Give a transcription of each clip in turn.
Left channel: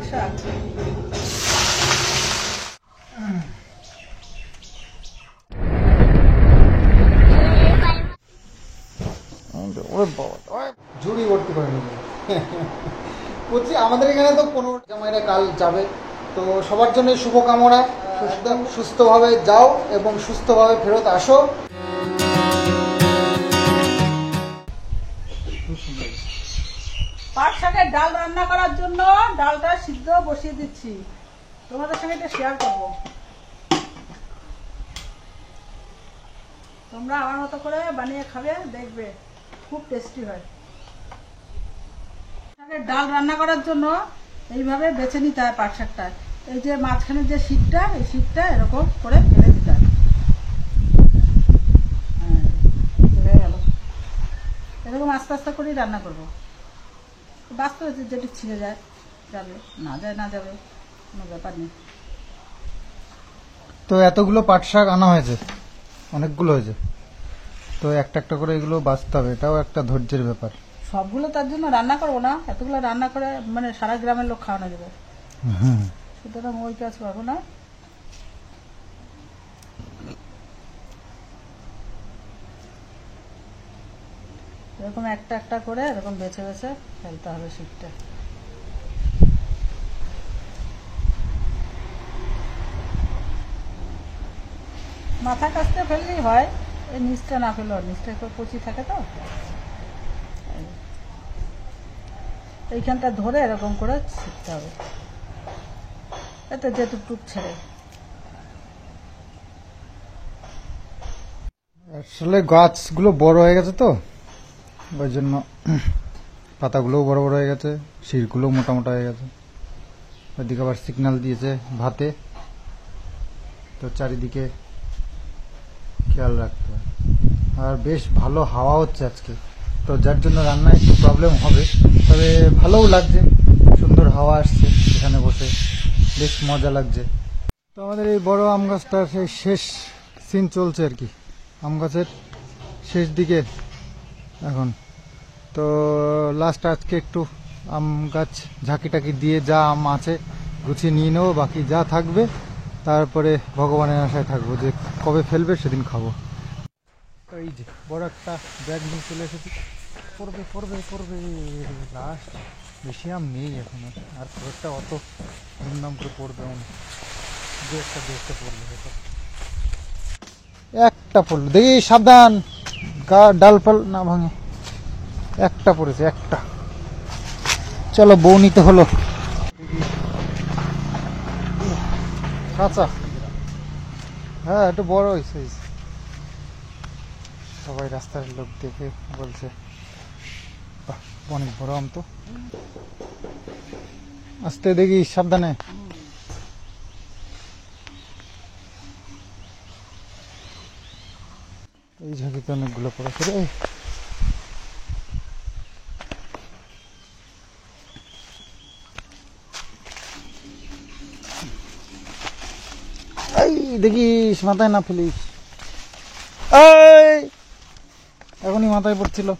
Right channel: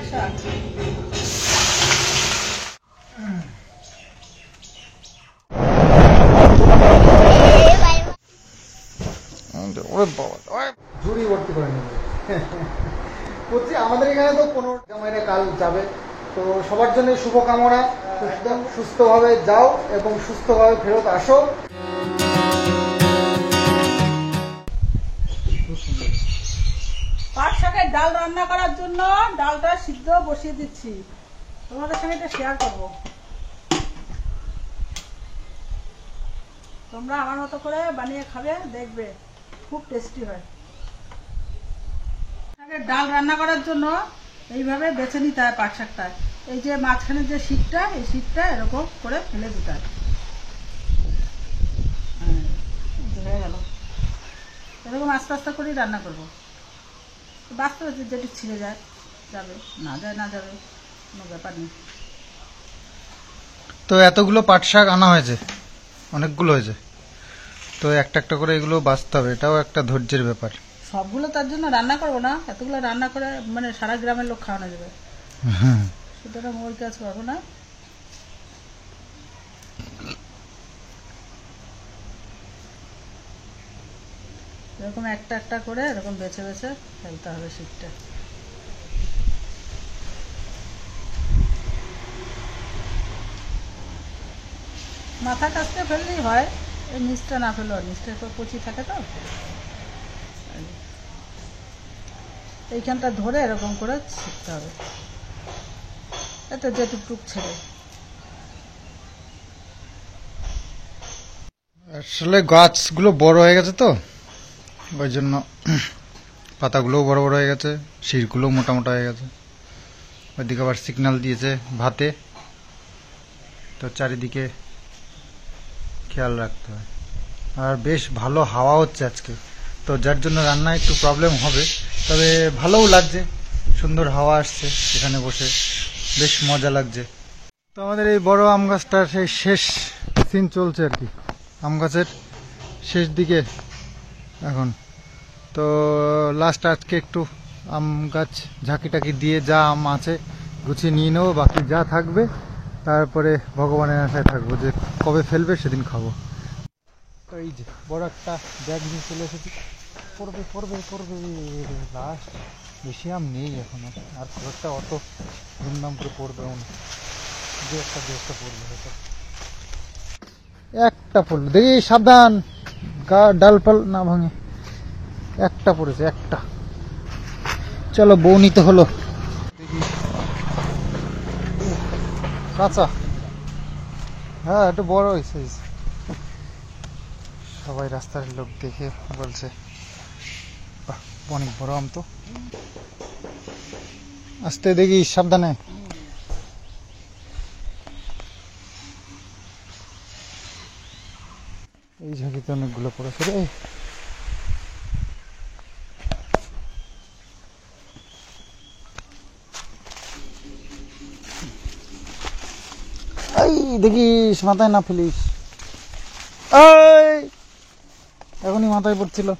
পাট শাক। ঝুড়ি ভর্তি করে নিল বলছি। আমাদের এখানে তো 15 জামাইরা কাল যাবে, তো সবার জন্য শুভকামনা। একদম সুস্থভাবে যাও এবং সুস্থভাবে ফেরত আসো। পাট শাকের ডাল রান্না করার জন্য ডালটা সিদ্ধ বসিয়ে দিচ্ছি, তোমাদের সঙ্গে এটা শেয়ার করবো। তোমরা আমার মতো করে বানিয়ে খাবে, দেখবে খুব টেস্টি হয়। শাকের ডাল রান্না করার জন্য এইভাবে বেছে নিতে হয় পাট শাকটা। এই যে মাঝখানে যে শীতটা, এই শীতটা এরকম করে ফেলে দিতে হয়। হয়ে গেল। এরকম আস্তে আস্তে করেই রান্না করবো। বাস্তবে যেটি ছিঁড়ে যায় যাবে, না যায় না যাবে, কোনো ব্যাপার নেই। তো এতগুলো পাট শাক আনা হয়েছে, অনেকগুলো হয়েছে, তো একটা একটা করে এগুলো বাছতে হবে, এটাও একটা ধৈর্যের ব্যাপার। সবগুলো তার জন্য রান্না করবো না, এতগুলো রান্না করে মানে সারা গ্রামের লোক খাওয়ানো যাবে, সুতরাং ওই কাজ করবো না। এরকম একটা একটা করে এরকম বেছে বেছে ফেলতে হবে শীতটা। মাথা কাছতে ফেললেই হয়, এই নিচটা না ফেলেও, নিচটা কচি থাকে তো, এইখানটা ধরে এরকম করে শিখতে হবে, এতে যেটুক ছেড়ে। আসলে গাছগুলো বড় হয়ে গেছে তো, ওই জন্য পাতাগুলোও বড় বড় হয়ে গেছে, শিরগুলোও মোটা মোটা হয়ে গেছে। ওইদিকে আবার সিগন্যাল দিয়েছে ভাতে, তো চারিদিকে খেয়াল রাখতে হয়। আর বেশ ভালো হাওয়া হচ্ছে আজকে, তো যার জন্য রান্না একটু প্রবলেম হবে, তবে ভালোও লাগছে, সুন্দর হাওয়া আসছে এখানে বসে, বেশ মজা লাগছে। তো আমাদের এই বড় আম গাছটার সেই শেষ সিন চলছে আর কি, আম গাছের শেষ দিকে এখন। তো লাস্ট আজকে একটু আম গাছ ঝাঁকি টাকি দিয়ে যা আম আছে গুছিয়ে নিয়ে নেবো, বাকি যা থাকবে তারপরে ভগবানের আশায় থাকবো যে কবে ফেলবে সেদিন খাবো। তো এই যে বড় একটা ব্যাগ নিয়ে চলে এসেছি, পড়বে পড়বে পড়বে লাস্ট। বেশি আম নেই এখন, আর খুব একটা অত ধুমধাম করে পড়বেও না, দু একটা পড়বে হয়তো। একটা পড়লো, দেখি সাবধান ডাল ফাল না ভাঙে। একটা পড়েছে, একটা। চলো বউ নিতে হলো। কাঁচা, হ্যাঁ একটু বড় হয়েছে। সবাই রাস্তার লোক দেখে বলছে অনেক বড় আম তো। আস্তে দেখি সাবধানে। এই ঝাঁকিতে অনেকগুলো পড়েছে রে। এই দেখিস মাথায় না ফেলিস, এই এখনই মাথায় পড়ছিল।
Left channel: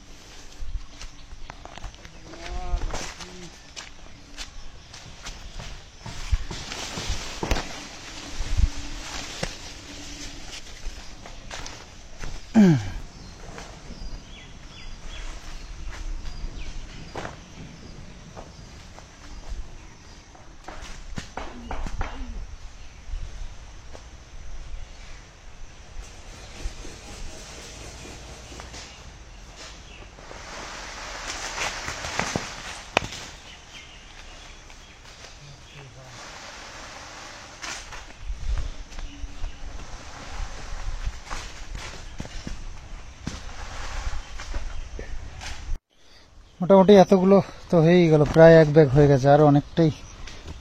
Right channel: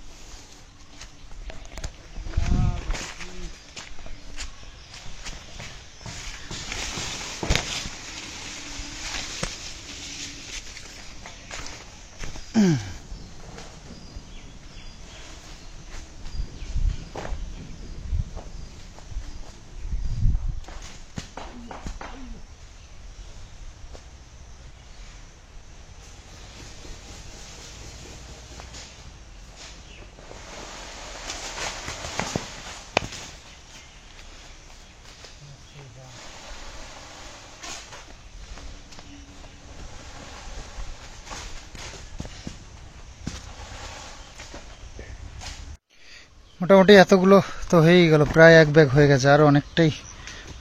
মোটামুটি এতগুলো তো হয়েই গেল, প্রায় এক ব্যাগ হয়ে গেছে, আর অনেকটাই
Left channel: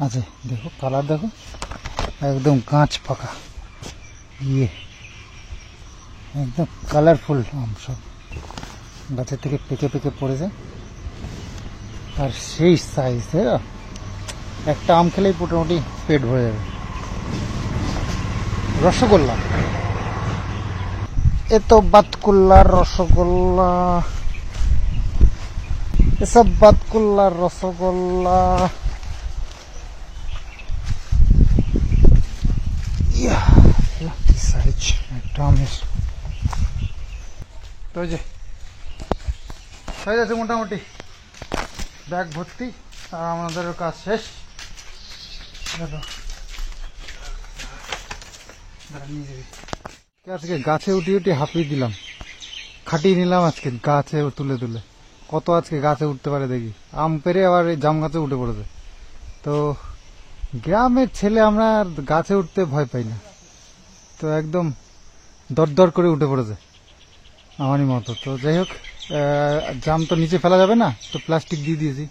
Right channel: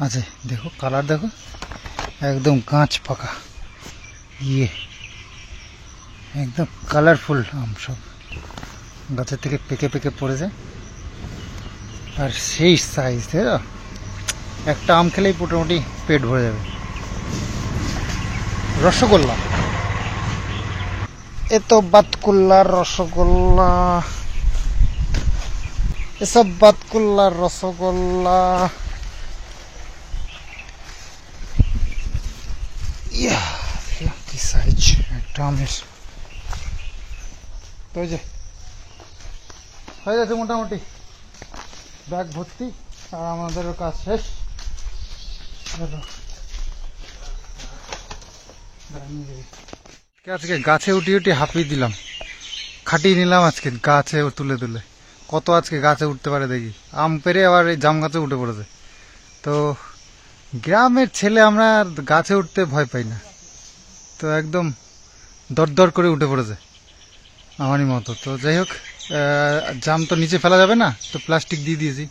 আছে। দেখো কালার দেখো, একদম কাঁচ পাকা, একদম কালারফুল আম, সব গাছের থেকে পেকে পেকে পড়েছে, আর সেই সাইজ। একটা আম খেলেই মোটামুটি পেট ভরে যাবে। রসগোল্লা, এ তো বাতকুল্লার রসগোল্লা, এসব বাতকুল্লার রসগোল্লা। সাইজ একটা আমের। তো ওই যে হয়ে যাচ্ছে মোটামুটি ব্যাগ ভর্তি, আর আমাদেরও কাজ শেষ। আজকে গাছে উঠি উঠি হাঁপিয়ে দিলাম, খাটিয়ে নিলাম আজকে গাছে তুলে তুলে। কত আজকে গাছে উঠতে পারে দেখি। আম পেরে আবার এই জাম গাছে উঠে পড়েছে। তো গ্রামের ছেলে আমরা আর গাছে উঠতে ভয় পাই না, তো একদম দরদর করে উঠে পড়েছে আমারই মতো। তো যাই হোক, জাম তো নিচে ফেলা যাবে না, তো প্লাস্টিক দিয়ে দিয়েছি।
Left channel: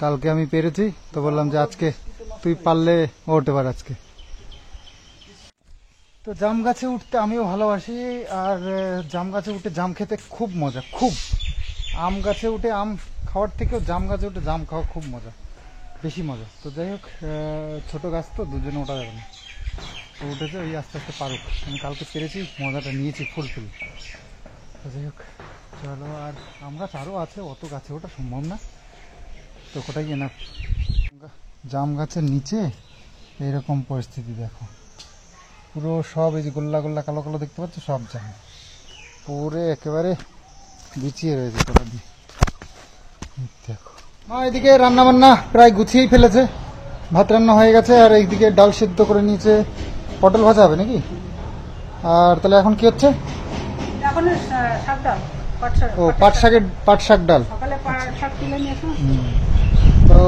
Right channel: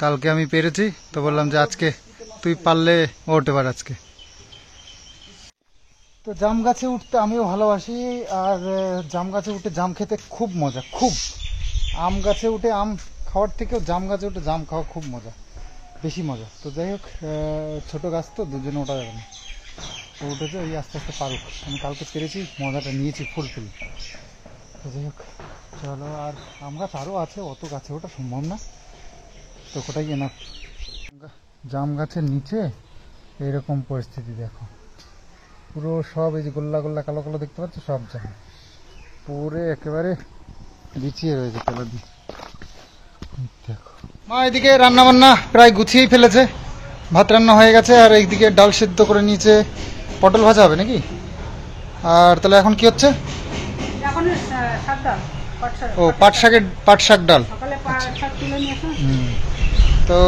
কালকে আমি পেরেছি, তো বললাম যে আজকে তুই পারলে উঠতে পার আজকে। তো জাম গাছে উঠতে আমিও ভালোবাসি, আর জাম গাছে উঠে জাম খেতে খুব মজা, খুব। আম গাছে উঠে আম খাওয়ার থেকেও জাম গাছে উঠে জাম খাওয়া খুব মজা, বেশি মজা। তো যাই হোক, ছোট গাছ তো দুজনে ওঠা যাবে না, ও উঠেছে, ওই আস্তে আস্তে পারুক। আমি কালকে পেরেছি, মজাটা নিয়েছি ফুলফিল। তো যাই হোক চলো, আর আম গাছ আরও আছে, অত গাছে ওঠা সম্ভব না, তো কোটাই এনাফ। জাম গাছের নিচে এইরকম পরিস্থিতি দেখো, পুরো সব এই যে গোল্লা গোল্লা কালো কালো দেখতে পাচ্ছ, সব জাম পুরো একেবারে বিছিয়ে রয়েছে তলা দিয়ে। দেখো মা এদিকে রান্না বান্না প্রায় গুছিয়েই ফেলেছে, ভাত রান্না হয়ে গেছে, আর এইদিকে ডাল সেদ্ধ করে নিয়েছে, পটল ভাজা হবে নাকি। আর তাহলে এখন কি হচ্ছে? এখন শাক ডাল, ও পাট শাক ডাল। সকালে শাক তুলে নিয়ে আসুন। তো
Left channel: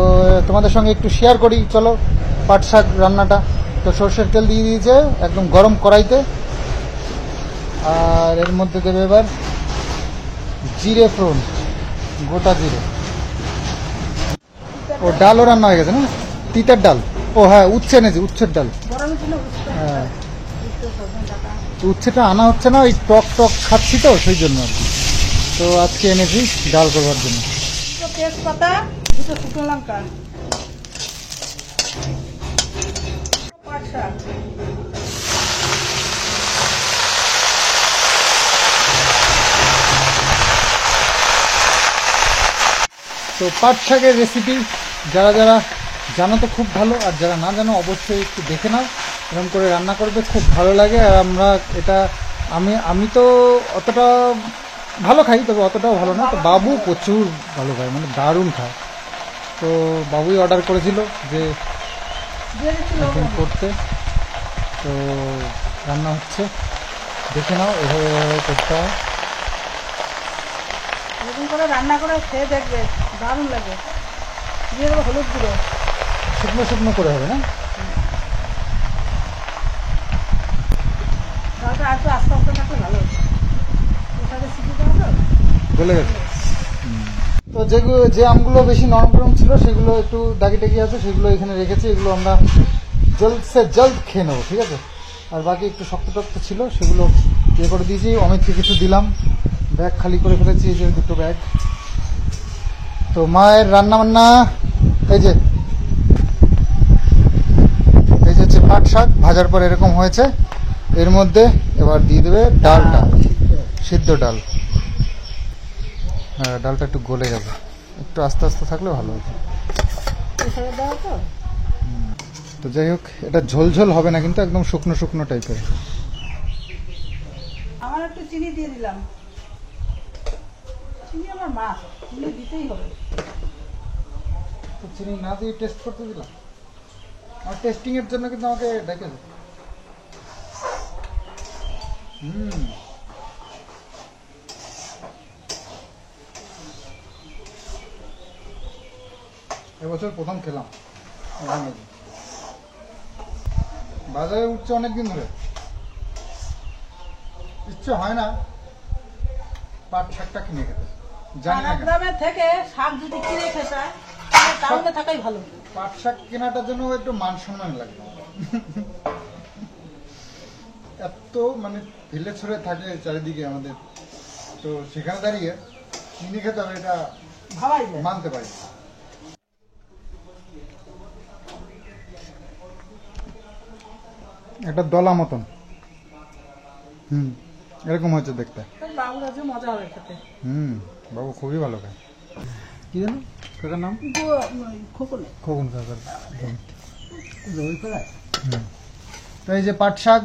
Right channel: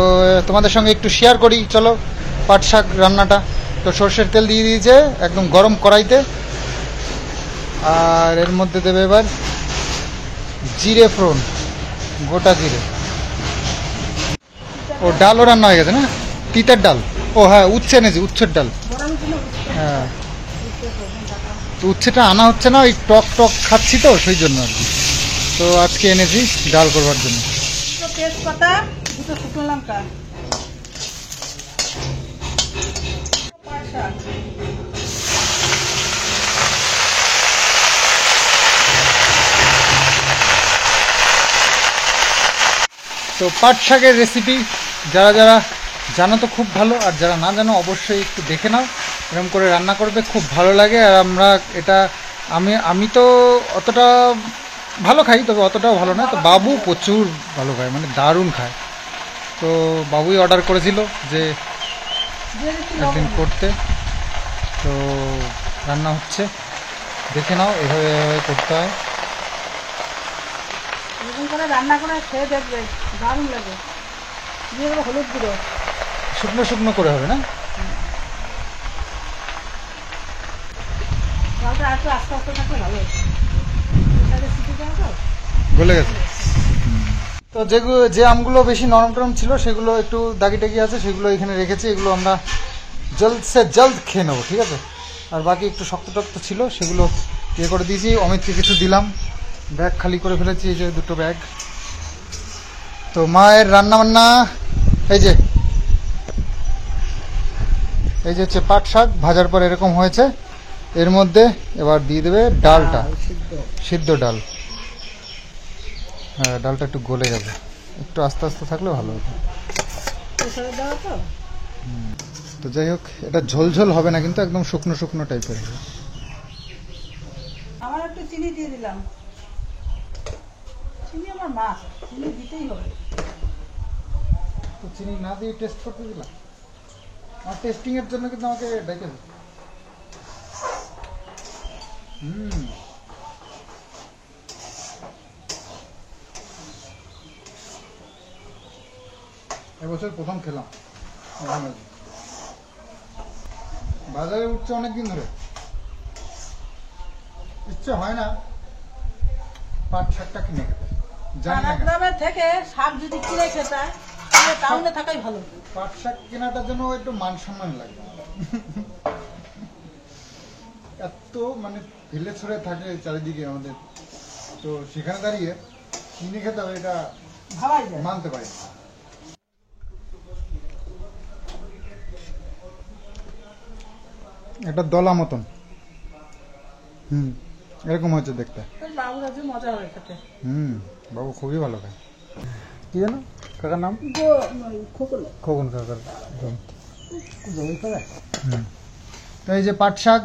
তোমাদের সঙ্গে একটু শেয়ার করি, চলো পাট শাক রান্নাটা। তো সর্ষের তেল দিয়ে দিয়েছে একদম গরম কড়াইতে, আর এর মধ্যে দেবে এবার জিরে ফোড়ন, গোটা জিরে। ও ডালও রান্না হয়ে গেছে না, তিতার ডাল। ও হ্যাঁ, উচ্ছে এনেছি, উচ্ছের ডাল। হ্যাঁ, তো উচ্ছেটা আনা হচ্ছে না, ওই টক টক খাচ্ছি তো সেই জন্য আর কি। তো আজকে এনেছি ডাল করবার জন্য। তেজপাতা, দুটো শুকনো লঙ্কা, পাট শাক, তো পাট শাকের রেসিপি যারা যারা জানো তো খুব ভালো, আর যারা না জানো অবশ্যই একটু দেখে নাও, এরকম করে রান্না করবে, খুব ভালো লাগে। আর আমরা এটা আমি তো অতটা ভালো খাই, তবে অতটাও ভালো না। তো বাবু প্রচুর ভালো খায়, মানে দারুণ খায়। তো বাবুই অর্ডার করেছিল যে একদিন করতে, তো রান্না হচ্ছে, দেখে নাও, এভাবে এভাবে করতে হয়। এরকম করে রান্না করে খেয়ে দেখবে, দারুণ লাগে। দিয়ে দেবো হলুদ গুঁড়ো, শুকনো শুকনো করে হবে না, ডালটা আর একটু আস্তে আস্তে থাকলে ভালো হতো। সিটি দেওয়া তো গলে গেছে। তো যেগুলো যে আমগুলো বেশি নরম টরম ছিল সেগুলো একটু দাগি টাগি আছে, সেগুলো এখানে রেখেছি, এগুলো আমরা জলদ সে জলদ খেয়ে নেবো, ঠিক আছে। আর বাকি একটু শক্ত টক্ত ছিল, সেগুলো ইয়ে করে দিয়েছি, অমিতকে কিছু দিলাম। ব্যাগ খালি করে ফেলেছি, এই যে দুটো ব্যাগ। তো মায়ের রান্না বান্না এই যে হচ্ছে পাট শাক ভাজার পর এরকম হয়েছে। এর মধ্যে এবার দিয়ে দেবে ডালটা, সিদ্ধ ডাল। হ্যাঁ, ডালটা একটু গলে যাবে, একটু আস্তে আস্তে থাকলে ভালো হতো। তো যাই হোক, এটা ঝোলঝোল হবে না কিন্তু, একদম শুকনো শুকনো টাইপের। আমার একটু চিনি দিয়ে দিলাম, চিনি আমার মাছ, চিনি দিতেই হবে। তো চিনি না দিয়ে টেস্ট করতে দিলাম, আর টেস্টিং এর জন্য কিন্তু আমাকে ডেকেছে। এবছর প্রথম খেলাম, বাজারে উঠছে অনেকদিন ধরে, ইচ্ছে হয় না পাট শাকটা কিনে খেতে, জানি না কেন। থেকে শাক যদি কিনে খেতে টাউনে থাকাই ভালো। পাট শাক কেনাটার জন্য একটু মান সম্মান লাগে, এত মানে ঢিলে ছড়ে থাকে চারিদিকে আমাদের, তো সেখানে দাঁড়িয়ে কিনে খেতে হবে, এটা ভাবাই যায়, মানতে পারি। একটা দলা মতন, এরকম হচ্ছে দেখতে। বাবুর আজকে মজা হবে খেতে। বাবু খুবই ভালো খায়। কি জানো কাকার নাম? খোকন। খোকন কাকার। এই যে পাট শাক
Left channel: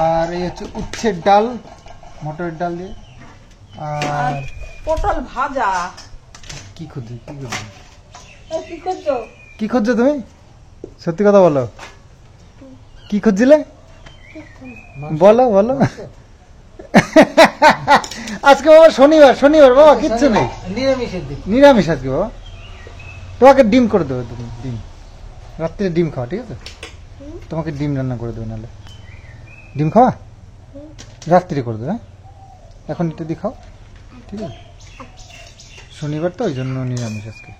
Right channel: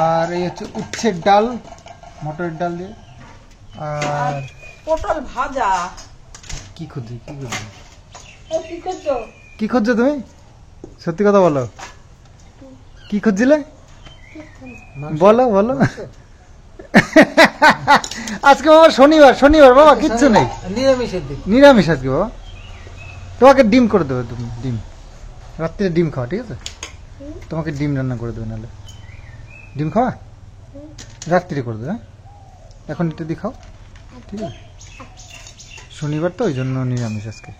আর এই হচ্ছে উচ্ছের ডাল, মটরের ডাল দিয়ে। আর পটল ভাজা। কি খুঁজছি কি করছো? কি খুঁজছো তুমি? সত্যি কথা বলো, কি খুঁজছিলে? বলো বলো। আজকে বাবা শনিবার বাবা, কিচ্ছু নেই, নিরামিষ আজকে বাবা। তোমাকে ডিম করে দেবে, তুমি ডিম রাত্রে ডিম খাওয়া, ঠিক আছে? তোমাকে ডিম রান্না করে দেবে, নাহলে ডিম খাওয়া রাত্রি করে দেবে। এখন এটা দিয়ে খাও, ঠিক আছে? শনিবার তো ওই জন্য নিরামিষ আজকে।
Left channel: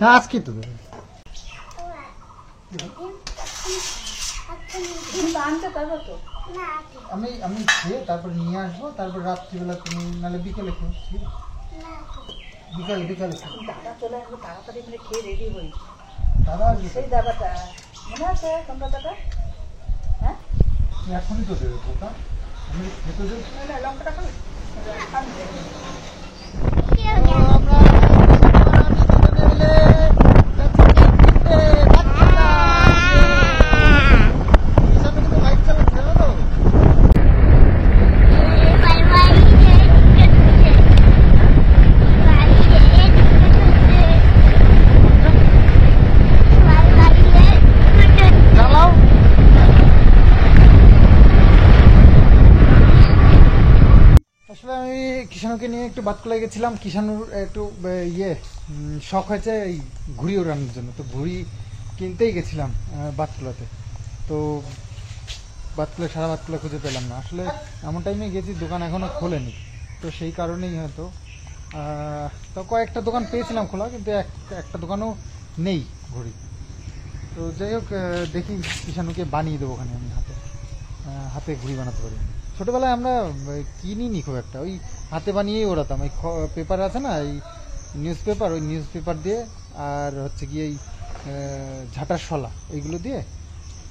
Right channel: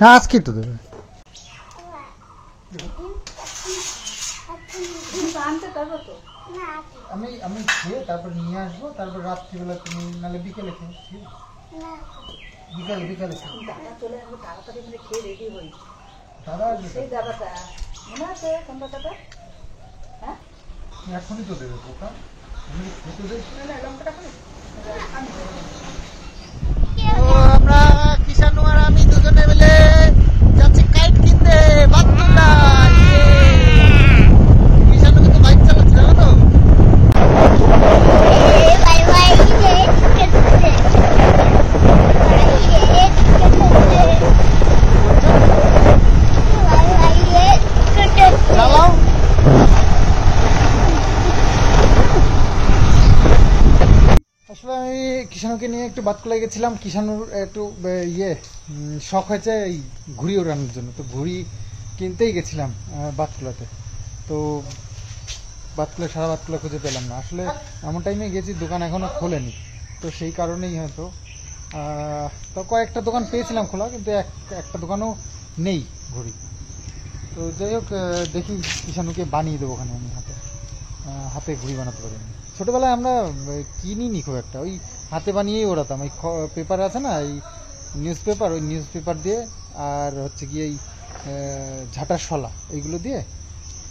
হ্যাঁ আজকে তো দেবে। আমি খেয়ে তারপর নিয়ে আসবো, তারপর রাত্রিবেলা তুমি নাহলে বিকেলে খেও, ঠিক আছে? বিকালে খাও। দাদা চলে আসবে তাড়াতাড়ি, মানে খেয়ে রেডি হই। দাদা আসবে, সেই দাদাটা মনে আছে কোন দাদাটা? হ্যাঁ এখনই তো দেবে পোকা, আমি খেতে দেবো। লঙ্কাটা খাবো। আমরা কিষান আর আমি দুজনে মিলে যাচ্ছি কাইট কিনতে, বাচ্চাটা কিষান কিন্তু বাইক চালাচ্ছে, জানো তো? চালাও। আসলে আমি কিষানুকে নিয়ে একটু বাতকুলাই গেছিলাম। কিষানুর একটু শখ হয়েছে এই ঘুড়ি ওড়ানোর জন্য, তো ঘুড়ি কিনতেই গেছিলাম বাতকুলাতে। তো বাতকুলা, সারা বাতকুলা খুঁজে পেলাম না। আসলে এমন টাইমে গেছি দোকান এখনো খোলেনি, তো সেই কারণেই হয়তো। তো কয়েকটা দোকান পেয়েছিলাম খোলা, কিন্তু একটা দোকানও নেই ঘুড়ি। তো যাই হোক, দেখি কিষানুকে বানিয়ে দেবো ওখানে। আমি হাতে ঘুড়ি বানাতে পারি। ছোটবেলায় আমরা কিনিনি খুব একটা, ওই হাতে বানিয়েই ওড়াতাম। ওই পেপার আছে না, এই নিউজ পেপার, ওই নিউজ পেপার দিয়ে, আর হচ্ছে কি এই ঝাঁটার শলা, এইগুলো দিয়ে।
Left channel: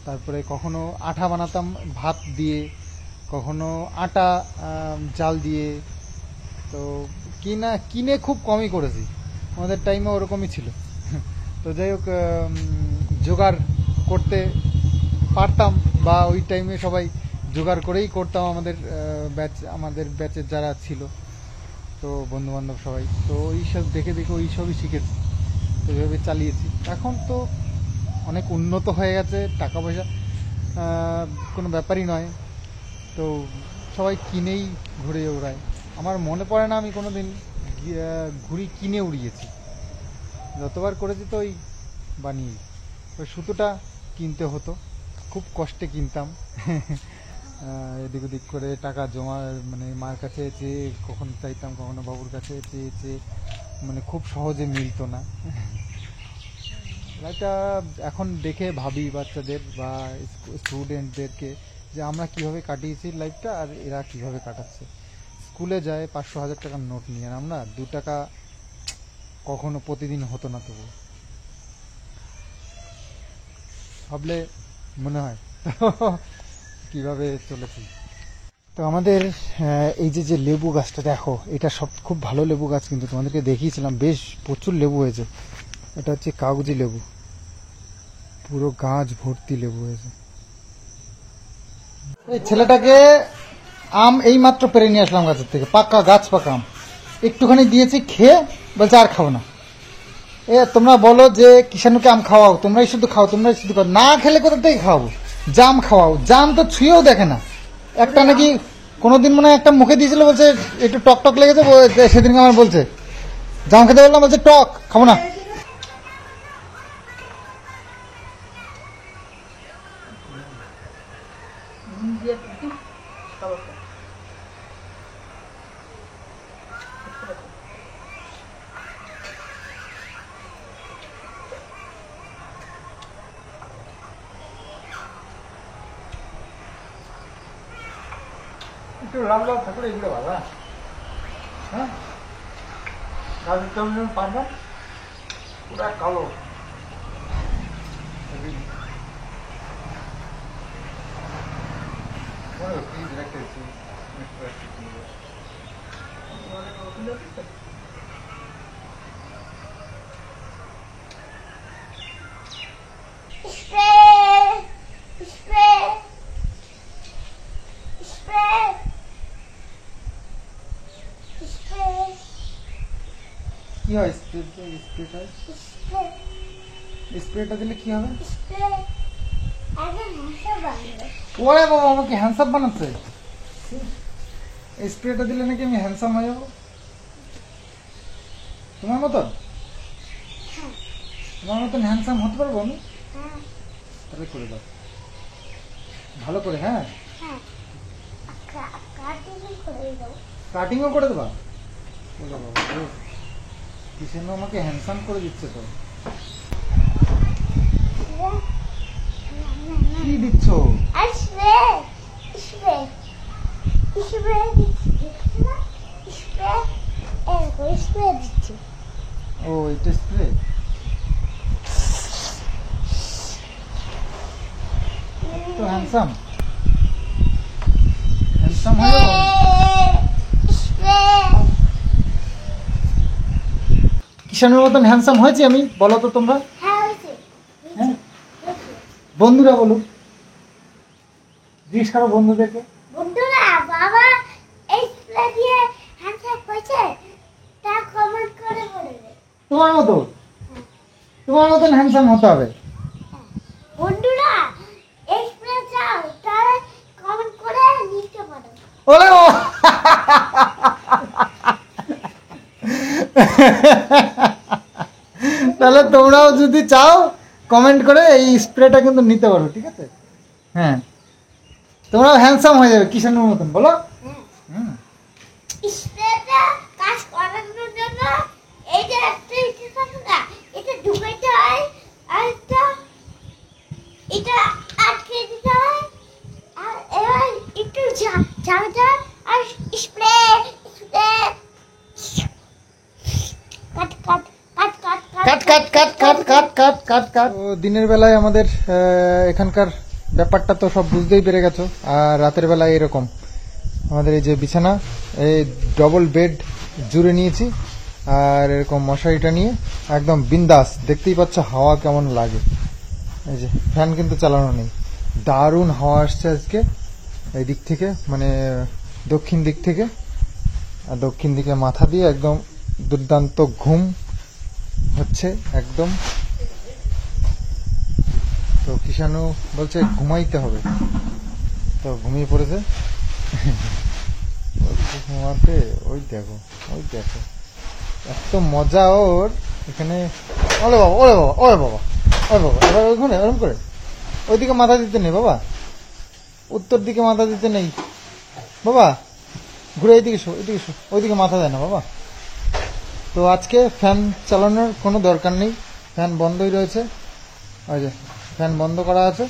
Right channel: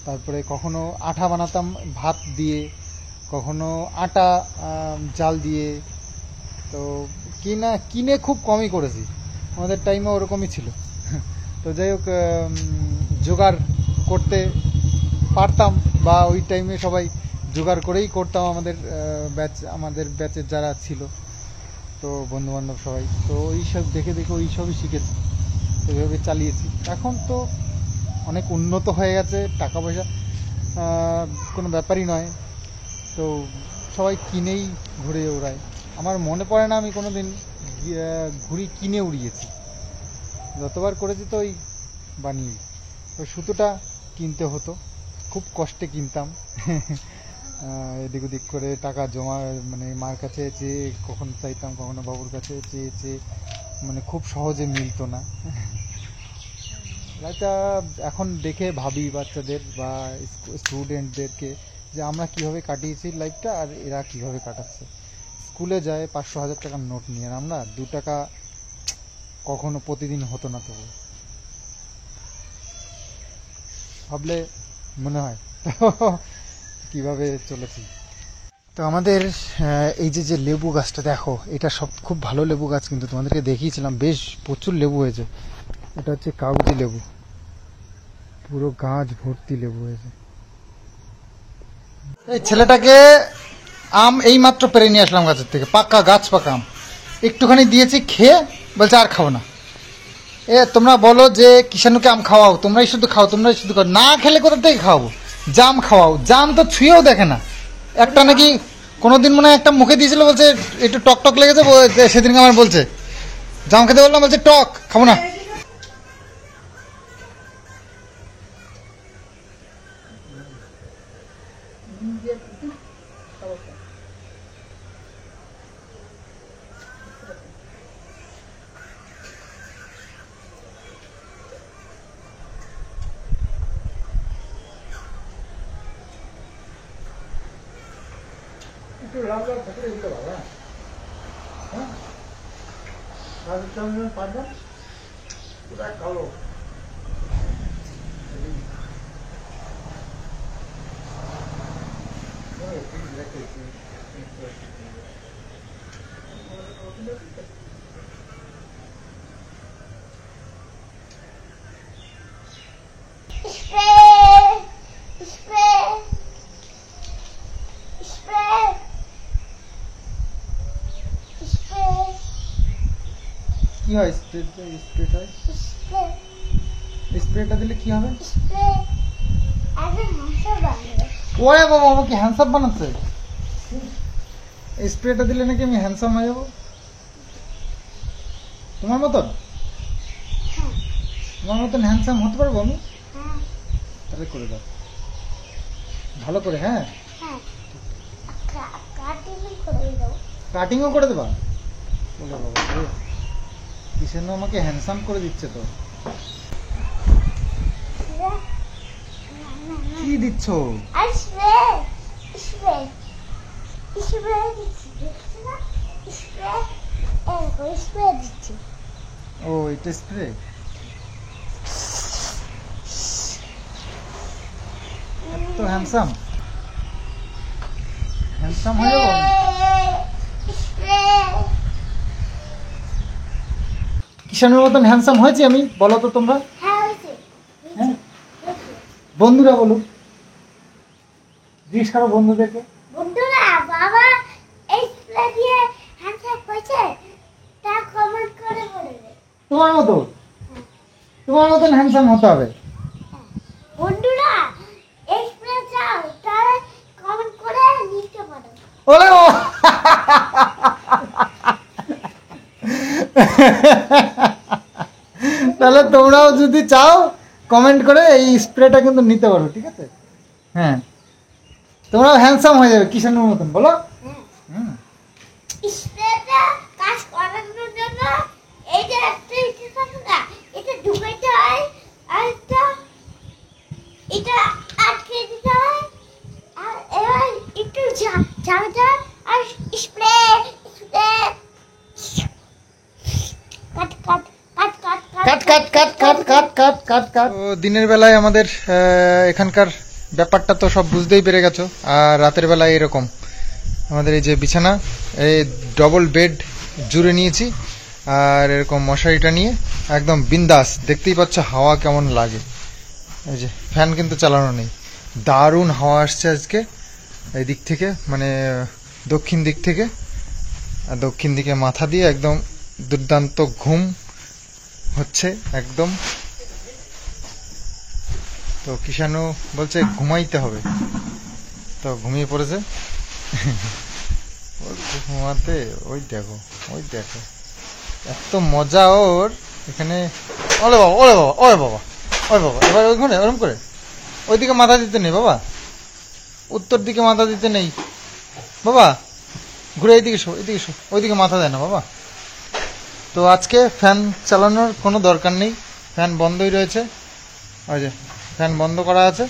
তারপরে কখনো আঠা বানাতাম ভাত দিয়ে, কখনো আটা জাল দিয়ে। তো কিনে খুব কমই করেছি, আমাদের টাইমে ওরকমই ছিল। তো যাই হোক, জোগাড় করতে পারতাম, বা ওই টাইমে সবাই জোগাড় করেই করতাম, আমাদের ব্যাচের যারা ছিল, তো বন্ধু বান্ধব সবাই। তো ওইসব দেখে দেখে ওইসবই শিখেছি, তো এইভাবে চালিয়েছি। এখন তো অনেক উন্নত হয়ে গেছে, টাকা পয়সা কোনো ব্যাপারই নয়, তো সবাই কিনেই ঘুরে ওড়ায়। আমার মনে পড়ে না আমি কোনোদিন ঘুড়ি কিনে উড়িয়েছি। যতবার করেছি তো ওই বানিয়ে। ওই সুতোটা কিনতে হতো, খুব কষ্টে কিনতাম। এদিক ওদিক করে টাকা জমা, মানে মার কাছে চেয়ে কখনো চাইতাম, কখনো বাবুর কাছে চেয়ে, মানে খুব সহজে মিলতো না। এটা এখন দেখে ভাবি বাচ্চাদের বা স্টুডেন্টদেরকে, যে আমরা কিভাবে কাটিয়েছি লাইফটা, আর এরা কিভাবে কাটাচ্ছে। স্কুলে যায় 500-1000 টাকার নোট নিয়ে, আর আমরা 2 টাকা কখনো প্রতিদিন হতো না। তবু ভাবলে মনে হয় কিভাবে চলেছি। তো আমাদের এই যে লেবু গাছটা দেখো, এটা সব খুব ভালো লেবু গাছ, কিন্তু তোমাদেরকে দেখিয়েছিলাম, বেশ প্রচুর লেবু হয়েছে। এটা হচ্ছে কাগজি লেবু, পুরো গাছ ভর্তি লেবু হয়েছে। এই ছেলেটাকে আম এই মাত্র পেরে নিয়ে আসলাম গাছের থেকে, পাকা গাছ পাকা আম একটুখানি দিয়েছি, খেয়ে বলছে আর খাবো না। তোমরা বলো যে কিষানুকে আম খাওয়াও, তোমরাই শুধু খাও, না খেলে কোথা থেকে খাওয়াবো? জাম খাওয়াও, জাম তো ছুঁয়েও দেখে না। একটা নাকি কোনোদিন মনে হয় একটা মুখে দিয়েছিল, বলছে একটু টক টক লেগেছে, সেদিনকে আমার বলছে জাম খেতে বললাম, বলছে টক, খাবো না। একটু লাল লাল থাকলে এগুলো ভালো। হ্যাঁ, গাছের চামচ পারবা পুরা কালো। Straight. কি হয় স্প্রেটা স্প্রেটা দিলে কি হবে? ওরে বাবা, আমাকে হ্যান্ডসাম বানাচ্ছে। স্প্রেটা দিলে নাকি আমি হ্যান্ডসাম হয়ে যাবো তোমার মতন? তোমার মতন হ্যান্ডসাম হতে পারবো আমি? তাহলে করে দাও ভালো করে। হ্যাঁ, কাটিংও করে দেবা? বলে বাবা কিসের আমাকে হ্যান্ডসাম করে দিচ্ছে তো। কি দিচ্ছ? ও এটা স্প্রে। তো হ্যান্ডসাম হ্যান্ডসাম হয়ে যাবো আমি। কিষানের মতন হ্যান্ডসাম হয়েছি আমি? বলো তো তোমরা। হ্যাঁ, বন্ধুরা বলো, জিজ্ঞেস করো বন্ধুদেরকে। বন্ধুরা, বাবা এই স্প্রে দিয়ে হ্যান্ডশেক করেছে, তা কমেন্ট করে বলবে। তোমার মতন হ্যান্ডসাম হতে হবে। বন্ধুরা, এই স্প্রে চাও তাহলে কমেন্ট করে লিখতে পারো। ওরে তাহলে তোমরাও যদি চাও কমেন্ট করে এই স্প্রেটা কিন্তু নিতে পারো, ঠিক আছে? হ্যাঁ, তোমরাও হ্যান্ডসাম হয়ে যাবে কিষানের মতন, বলো। স্প্রেটা কাজ করানোর জন্য এই যে একটা ইচ্ছে থাকে না, এটা ঢুকাইতে হয়, আর এটা আটকে দিতে হয়, আর এবার একটু ঝাড়তে হয়, আর স্প্রে কাট কাট কাট কাট কাট কাট কাট কাট কাট কাট কাট কাট। দিনের বেলায় আমাদের এখানকার ব্যাপারটা তো সব বুঝতেই পেরে গেছো। আর রাতের বেলায় এরকম আমাদের এই যে বিছানা, এই ডবল বেড জুড়ে নিয়েছি, আর এরকম মশারিটা নিয়ে একদম বিন্দাস। দেখতেই পাচ্ছ হাওয়া কেমন লাগে। এই যে ফ্যান কিন্তু চালানো নেই, দারুণ হাওয়া আসছে আজকে এই দিক থেকে, মানে দক্ষিণ দিক থেকে। আর দক্ষিণ দিকে মাথা দিয়ে একদম দুর্দান্ত ঘুম হচ্ছে একদম। তো কিষানু বলছে ঘুমাইতে হবে, তো ঘুমিয়ে পড়েছে। ঘুমাতে ওই দেখো এত মজা ওর এখানে। ওরে বাবা ওরে বাবা ওরে বাবা ওরে বাবা, এবার ওইখানে ওরম করে ওইদিকে মাথা দিতে নেই বাবা, উত্তর দিকে মাথা দিতে নেই বাবা, ঘুরে এইদিকে শো ওইদিকে মাথা দেয় না বাবা। তো আজকে ফ্যান চালানোর কোনো দরকার নেই, ফ্যান বন্ধই রয়েছে। ওই যে ফ্যান বন্ধ করা আছে।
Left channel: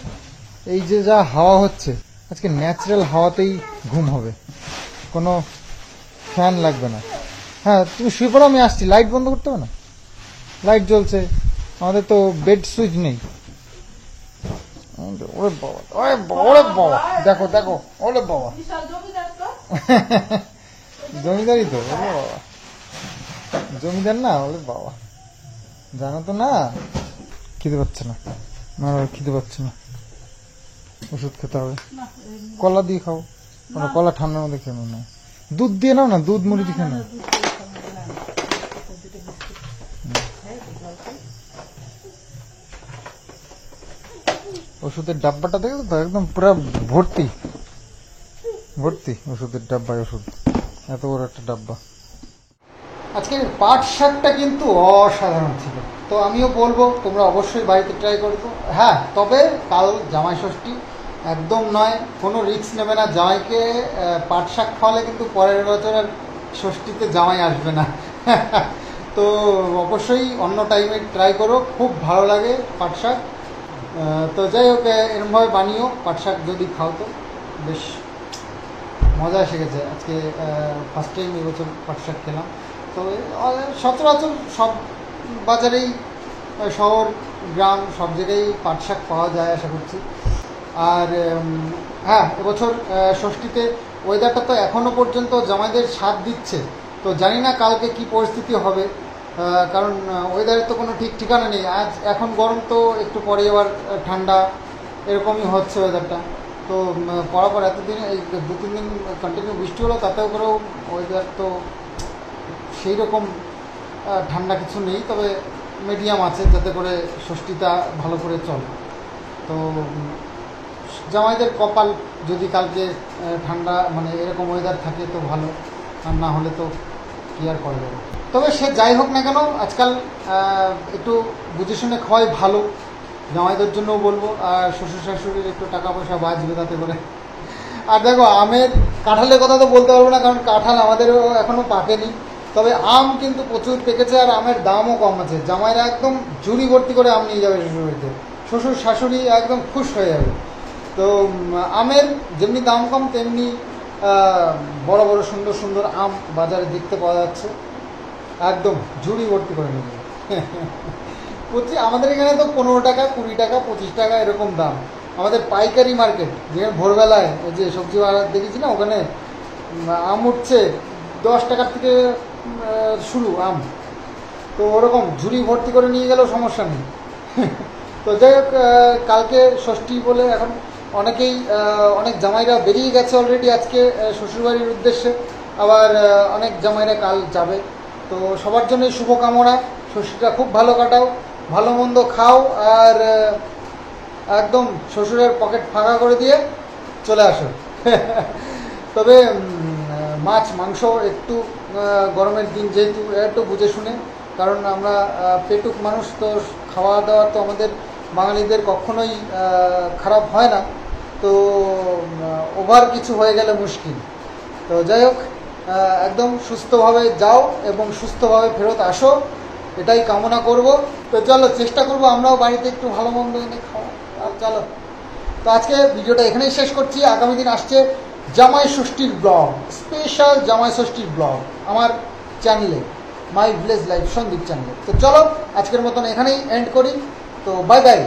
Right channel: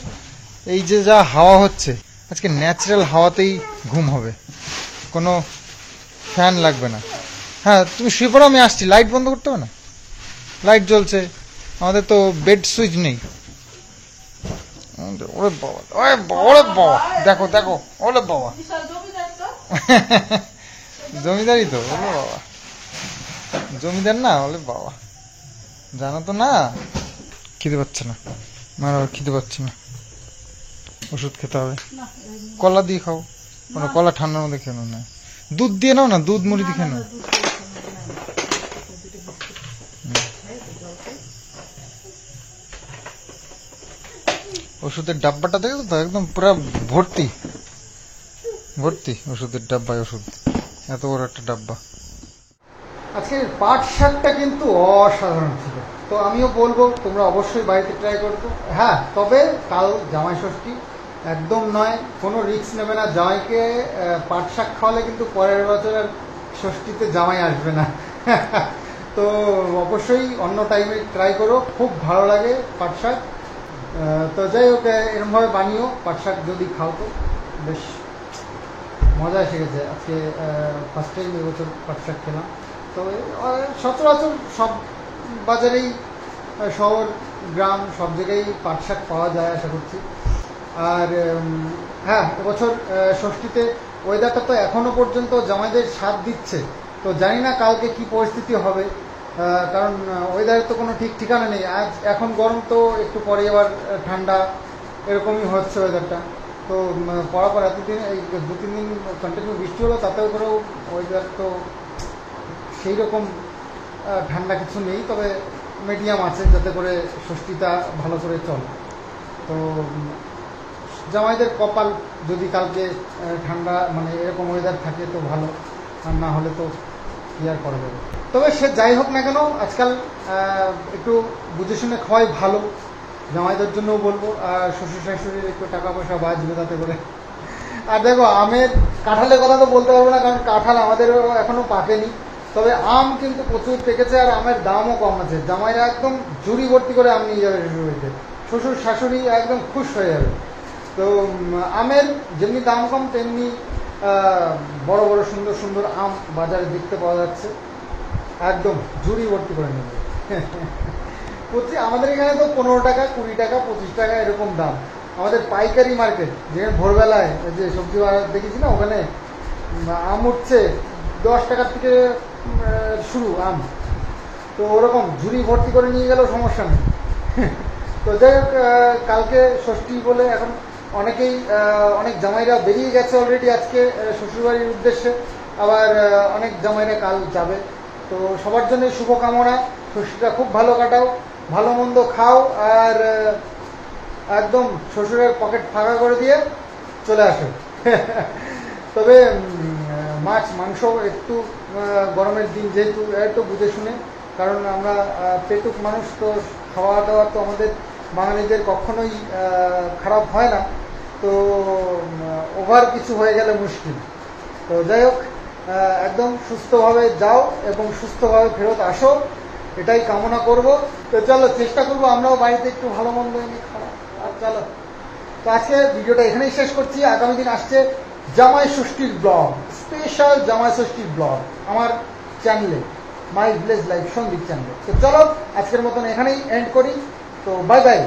এই যে যা হাওয়া হচ্ছে আজকে ন্যাচারাল হাওয়াতেই ঘুম হবে, কোনো ফ্যান লাগবে না। হ্যাঁ তুমি শুয়ে পড়ো, আমি আসছি। লাইট বন্ধ করতে হবে না, লাইট জ্বলছে, আমাদের তো বেড সুইচ নেই। ওরে বাবা ওরে বাবা ওরে বাবা, দেখো দেখো ওরে বাবা, জমিদারি তো ওরে বাবা, জমিদার না ওরে বাবা, জানো তো না। খিদে পাচ্ছে না আমার, খিদে পাচ্ছে না, ওষুধ খেতে হবে। কলা দিয়ে খাও, কোনো কলা ঠান্ডার মধ্যে খেয়ে না, দুধ দিয়ে নাও না, দুধ মুড়ি দিয়ে খেয়ে নাও। ওষুধের ডাব্বাটা দেখো তো, একদম পুরো ভর্তি ভর্তি ওষুধের ডাব্বায় ওষুধ, এত বড় একটা ডাব্বা। আজকের পাট শাকটা কিন্তু অসাধারণ ছিল, তো আমিও বলবো তোমরা অবশ্যই বাড়িতে ট্রাই করবো। হ্যাঁ, তবে কাল জামাই ষষ্ঠী, একদম নয়, কোনো রিস্ক নেবে না। জামাইকে পাট শাক খাওয়ালে কিন্তু পরের বছর আর ষষ্ঠীতে জামাই আসবে না। তো অবশ্যই অন্য টাইমে ট্রাই করো, খুব ভালো লাগে পাট শাক। তো যাই হোক, এরমভাবে বানিও পাট শাক যদি খাও তো বেশ মজা এসে গেছে। আজকে ফার্স্ট টাইম এবছর পাট শাক খেলাম। তো সচরাচর সব বাজারেই, শহর গ্রাম সব জায়গায় পাট শাক পাওয়া যায় আশা করছি। আর হ্যাঁ, এবছর ষষ্ঠীতে ওয়েদারটা তো এখনও পর্যন্ত জামাইদের স্বাদ দিচ্ছে, তো জানি না কালকে কি পরিস্থিতি হবে, কারণ ওয়েদারের তো কোনো ঠিক ঠিকানা নেই। আজ এখন গরম, তো একটু পরে আবার ঠান্ডা, এরকমই হচ্ছে ওয়েদারটা। তো পরাপর এতদিনে এই 2-3 দিন কন্টিনিউ বৃষ্টি হলো, তাতেও করেও ওয়েদার তো সেই রকম ঠান্ডা কিছু নেই, তবে মিডিয়াম আছে, যাতে করে ষষ্ঠীটা ভালো করে চলে। তো জামাইদের কপাল, যদি কালকে ঠান্ডা মানে এরকম ওয়েদার থাকে তো ভালো, আর না হলে তো কি আর করা যাবে। তবে সে যাই হোক না কেন, আজকাল একটু বুঝে শুনে খাওয়াই ভালো, জামাইদের জন্যও বলবো, আর শ্বশুর শাশুড়ির একটু টাকা পয়সা বাঁচবে তাতে করে। আর দেখো, আমের কাঁঠালের কথা তো বলতে পারবো না, কারণ কাঁঠাল আমাদেরও এখনো পাকেনি, তবে আম কিন্তু প্রচুর পেকেছে, আর আমের দামও কম আছে। জামাইরা একদম ঝুড়ি ভর্তি করে আম নিয়ে যাবে শ্বশুরবাড়িতে, শ্বশুর শাশুড়ি একদম খুশ হয়ে যাবে। তো আমের যেমনি দাম কম, তেমনি বড় বড় সুন্দর সুন্দর আম বাজারে দেখতে পাওয়া যাচ্ছে, একদম ঝুড়ি ভর্তি করে নিয়ে যাবে। আমাদের এখানে তো 15 টাকা, 20 টাকা, 25 টাকা এরকম দাম। আমাদের পাইকারি মার্কেট, যেখানে ভোরবেলায় যে সবজি বাজার দেখেছি না, ওখানে আম উঠছে 10 টাকার থেকে শুরু আম। তো ওরকম ঝুড়ি ভর্তি করে নিয়ে গেলেও সমস্যা নেই। তো যাই হোক, কালকে ষষ্ঠী বলে এখন অনেক জামাইরা বেরিয়ে গেছে অলরেডি আজকে শ্বশুরবাড়ির উদ্দেশ্যে, আবার অনেক জামাইরা কাল যাবে। তো সবার জন্যই শুভকামনা, ষষ্ঠীটা খুব ভালো কাটাও, ভালো মন্দ খাও, আর একদম শ্বশুরের পকেট ফাঁকা করে দিয়ে চলে আসো। তবে মাছ মাংস একটু গরমের দিন যেহেতু, একটু বুঝে শুনে, কারণ আমরা পেটুক মানুষ, তো খাওয়া দাওয়া তো আমাদের বাঙালিদের কখনোই খারাপ হয় না, তো ওভার কিছু হয়ে গেলে মুশকিল। তো যাই হোক, একদম সুস্থভাবে যাও এবং সুস্থভাবে ফেরত আসো, এটাই কামনা করব। তো চলো, চেষ্টা করবো আমরাও বাড়িতে একটু ভালো মন্দ এনে খাওয়া। আর চলো, তো আজকে ভিডিওটা এখানেই শেষ করছি। আগামী দিন আসছে জামাই ষষ্ঠীর ব্লগ, স্পেশাল জামাই ষষ্ঠীর ব্লগ আমার চ্যানেলে, মাই ভিলেজ লাইফ সন্দীপ চ্যানেলে। তো চলো, আজকের মতন এখানেই এন্ড করি। তো বাই বাই।